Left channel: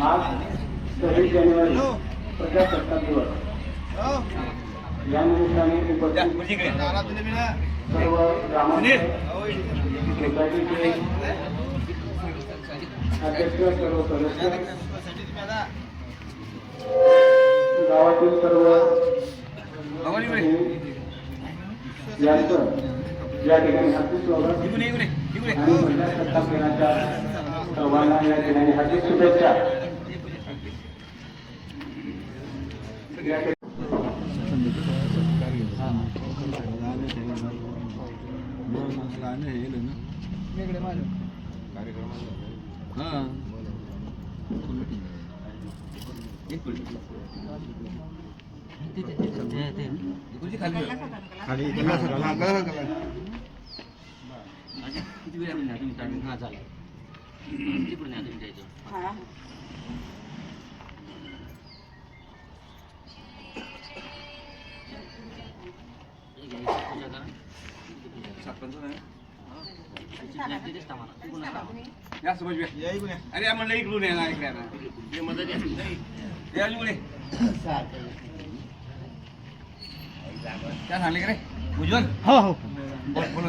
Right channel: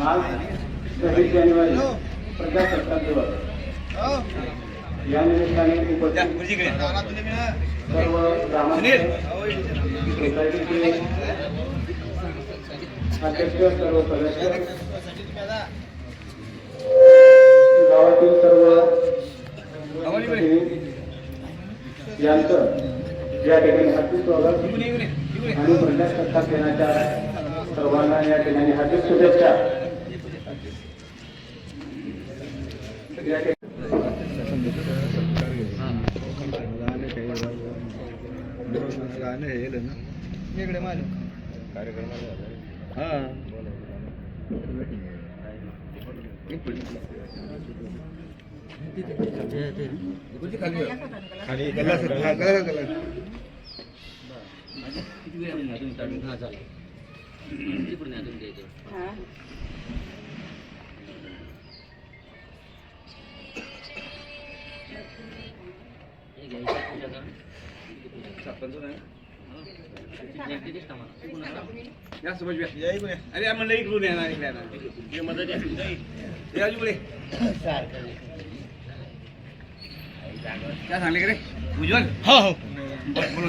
आज सव्वीस जानेवारी प्रजासत्ताक दिवस या निमित्ताने उपस्थित सर्व सोसायटीचे अध्यक्ष सर्व सदस्य गावातील सर्व यांचं या ठिकाणी स्वागत आणि प्रजासत्ताक दिनाच्या सर्वांना या ठिकाणी हार्दिक शुभेच्छा. या तिकडून या तुमच्या इथं हे. हा. अरे म्हणलं इकडून येणार इकडे. हे. या इकडे. काय सांगले का रे उज्ज्वल हो हो बोलू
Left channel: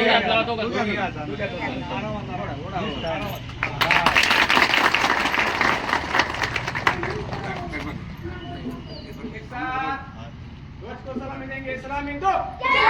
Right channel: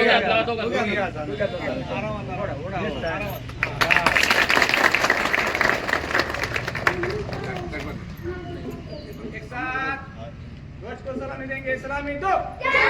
Let's go, Salam, Salam, Salam, Salam,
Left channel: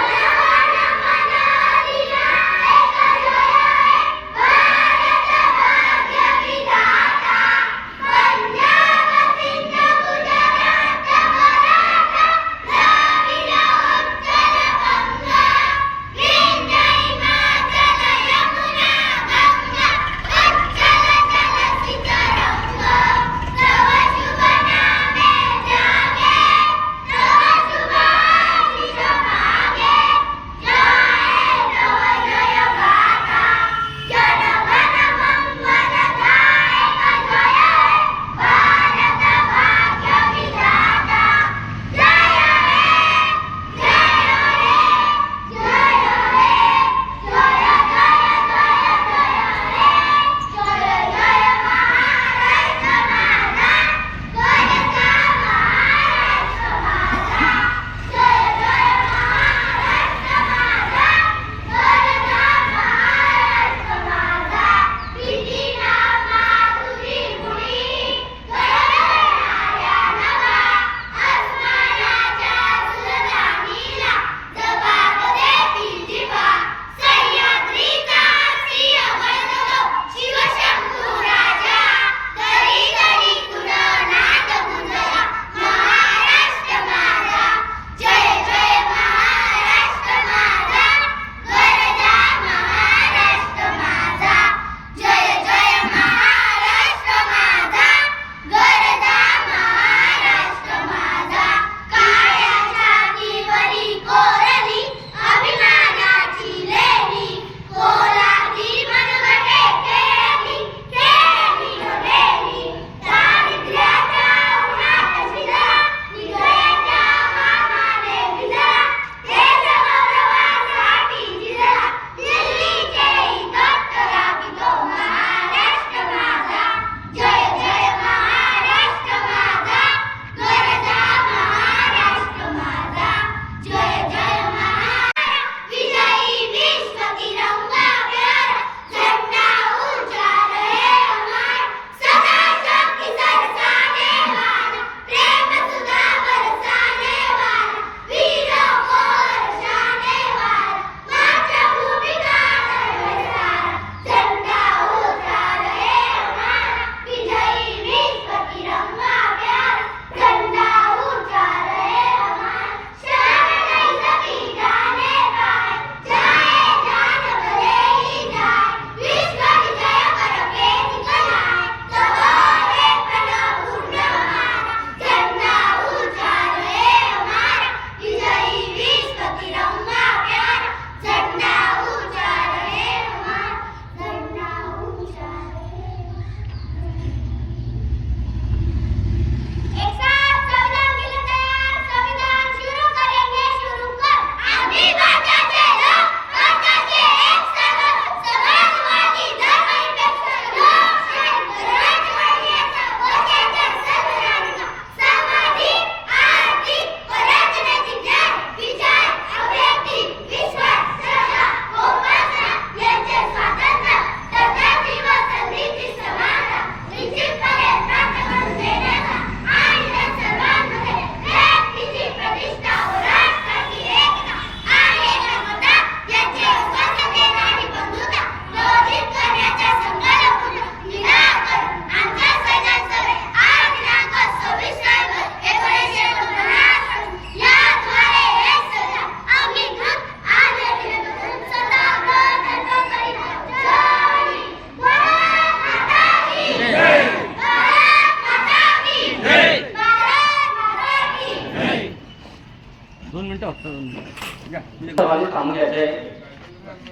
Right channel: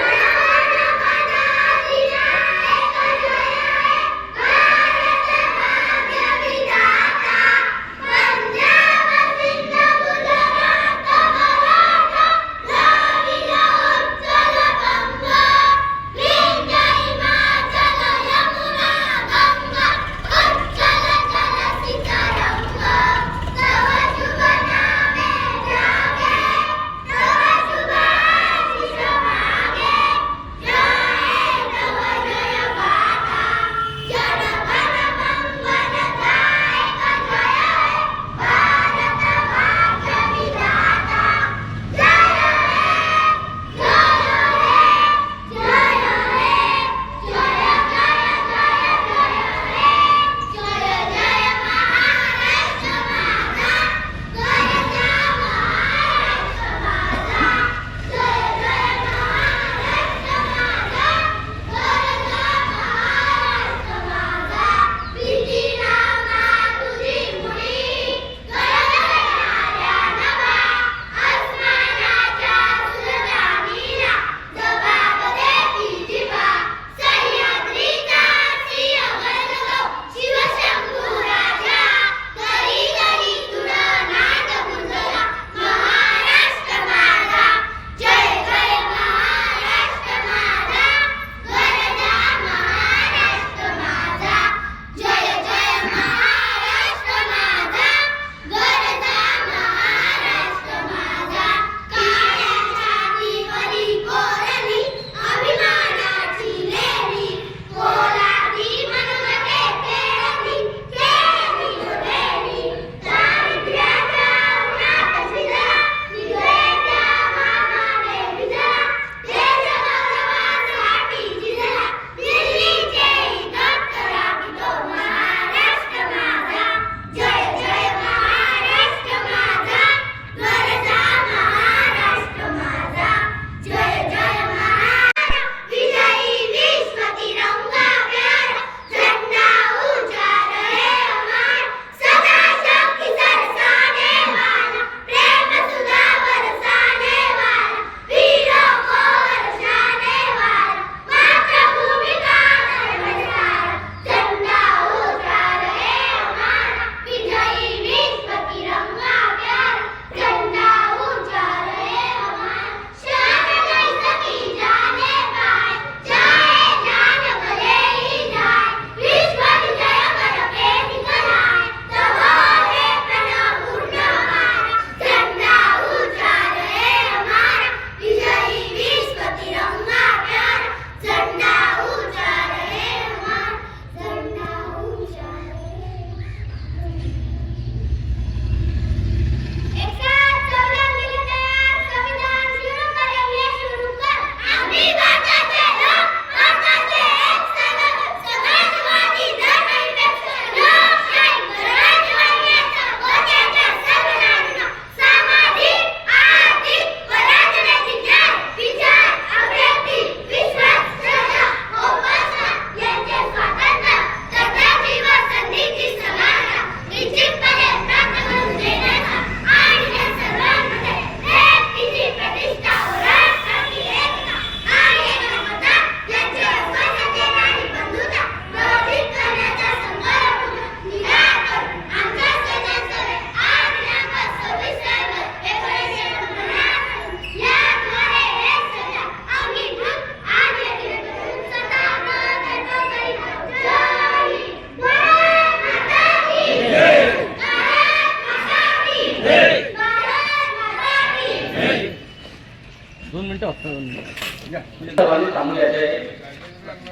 या, बोला. सर्वांनी थांबून घ्यायचे.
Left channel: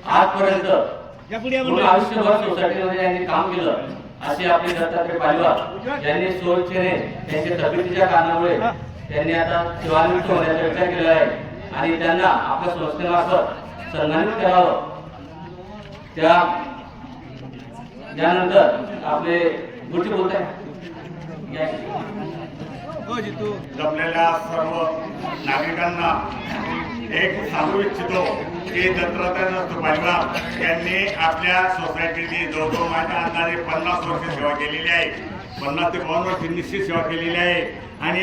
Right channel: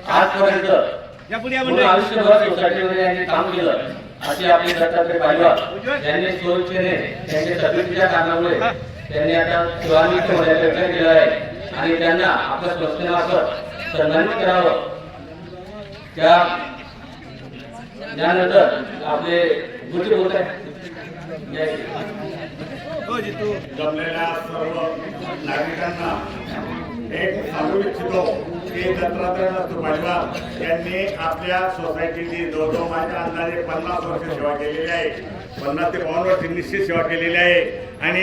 आजपर्यंत पूर्ण आयुष्यभर सोसायटीमध्ये यांनी काम केलं. अशी आपली दत्तात्रय पाहिलं यांनी स्वइच्छेने त्यांच्या तब्येतीच्या कारणामुळे त्यांनी आता सेवानिवृत्त होण्याचा विचार केला आहे. आणि त्यांना आपल्या संस्थेमार्फत सन्मानित करावं. त्या त्यानंतर आपले गुरुजी बोलत आहे. जमलेल्या सर्व नागरिकांना एक सांगू इच्छितो की दत्तात्रय परिवार यांनी आपल्या सोसायटीची जवळजवळ माझ्या अंदाजे पन्नास वर्ष सेवा केलेली आहे. पन्नास ते बावन्न वर्ष निश्चित सेवा केलेली आहे. आणि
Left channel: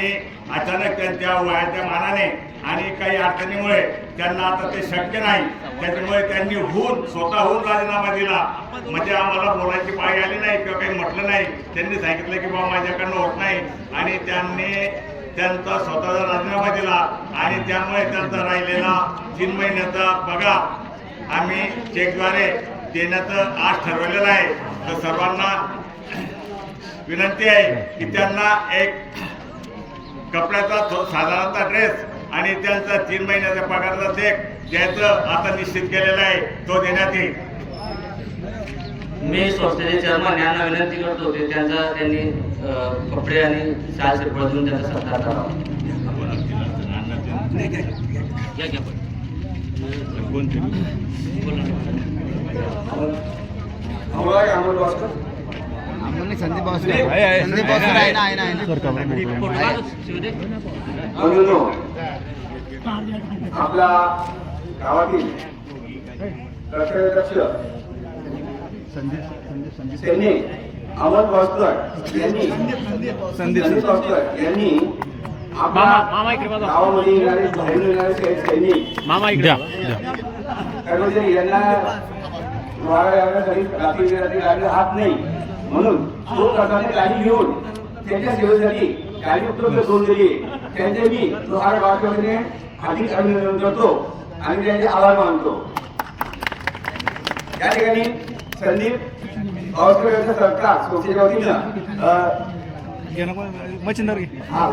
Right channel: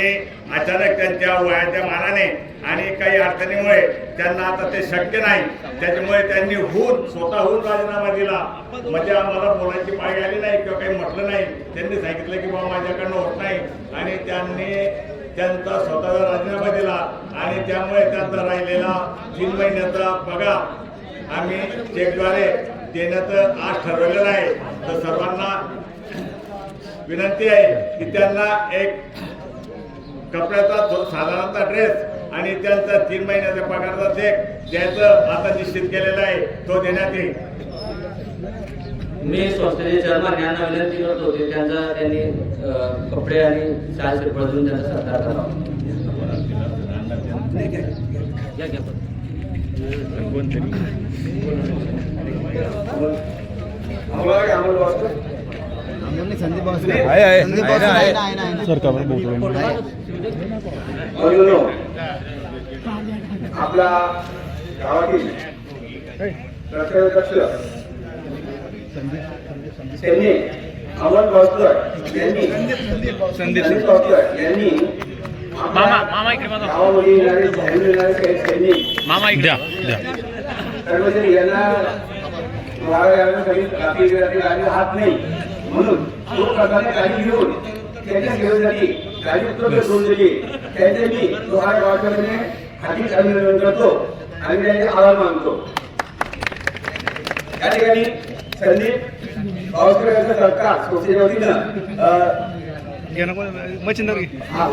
अचानक त्यांच्या वयाच्या मानाने आणि काही अडचणीमुळे त्यांना आता ते शक्य नाही. त्याच्यामुळे त्यांनी हून स्वतःहून राजीनामा दिला. म्हणजे आम्हाला बोलायची पाळी आली नाही किंवा काही म्हटलं नाही. त्यांनी सांगितलं की बाबा माझ्याकडनं होत नाही. आणि त्यांनी त्यांचा स्वतःचा राजीनामा दिला. आणि त्यामुळे त्यांचा राहिलेला तीन महिन्याचा पगार आम्ही चेकद्वारे देण्याचं आज ठरवलेलं आहे. तर सर्वांना विनंती आहे की त्यांना एक कपड्याचा साधारणतः ड्रेस आणि त्यांचा तीन महिन्याच्या पगाराचा चेक द्यायचं आता निश्चित केलेलं आहे तो देण्यात येईल मी संस्थेचे चेअरमन यांना विनंती करतो की त्यांचा त्यांनी कपडे आणि श्रीफळ देऊन त्यांचा सत्कार करावा घ्या, घ्या आपला गावातील कर्तव्यदक्ष त्यांनी अमोल भास्कर यांनी संदीप भास्कर यांनी आपल्या गावामध्ये येणारे धावून येणारे काही सैनिक कर्मचारी यांना वारा यायसाठी रात्री रात्री गाडीला हात नाही. म्हणून तो प्रकारे गाडी घेऊन त्यांच्या सेवेसाठी गाडी उपलब्ध करून दिली. त्यांचे मी लोहारा गावाच्या अधिक अभिनंदन करतो. आणि त्यांचे आभार मानतो. या ठिकाणी संदीप भावस्कर यांचा सरकार संस्थेच्या वतीनं मच्छिंदर हा,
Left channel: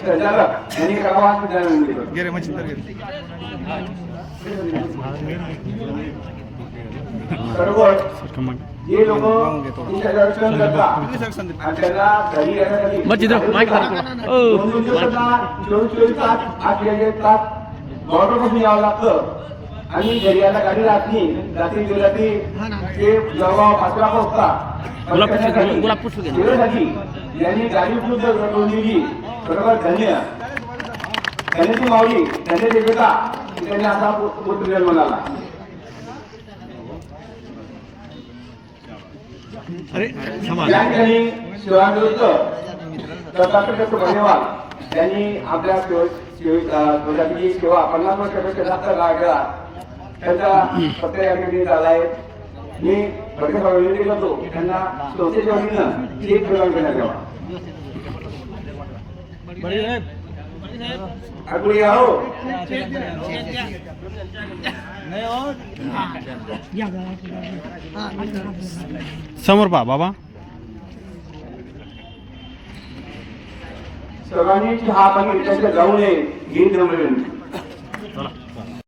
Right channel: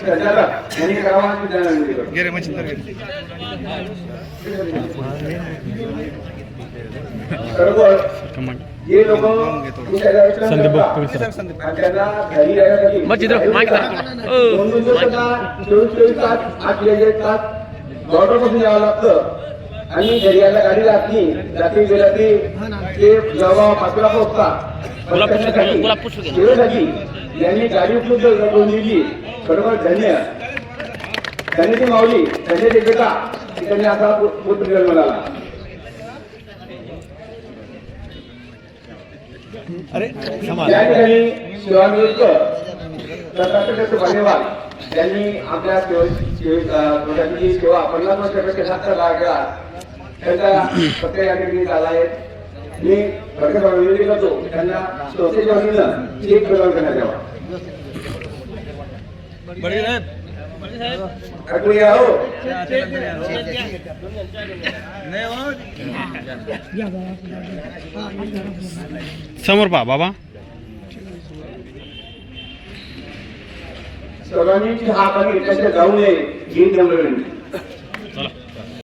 संचालक यांनी सर्व हे लोक बॉर्डरपासून यावं लागतं. आणि घरी यायला गाडी जात नाही रात्री गेला ते ते जवळ पण त्याच्यासाठी वेळेसाठी यांनी गाडी उपलब्ध करून दिली. खरोखर धन्य. धन्यची माऊली धन्य देवता की त्यांनी असा पुत्र जन्म अरे या ठिकाणी धन्यवाद त्यांनी आपल्या सेवेसाठी सेवा पन्नास वर्षापेक्षा जास्त काळ केला. त्यांचा सत्य या ठिकाणी झाला आहे. मी भरपूर विनंती करतो त्यांना संस्थेच्या वतीनं चेक प्रदान करण्यात यावा. या हो नाही हो. समोर पा बाबा. सर्वांनी चहा पाणी त्यांच्या जाऊ नये ही विनंती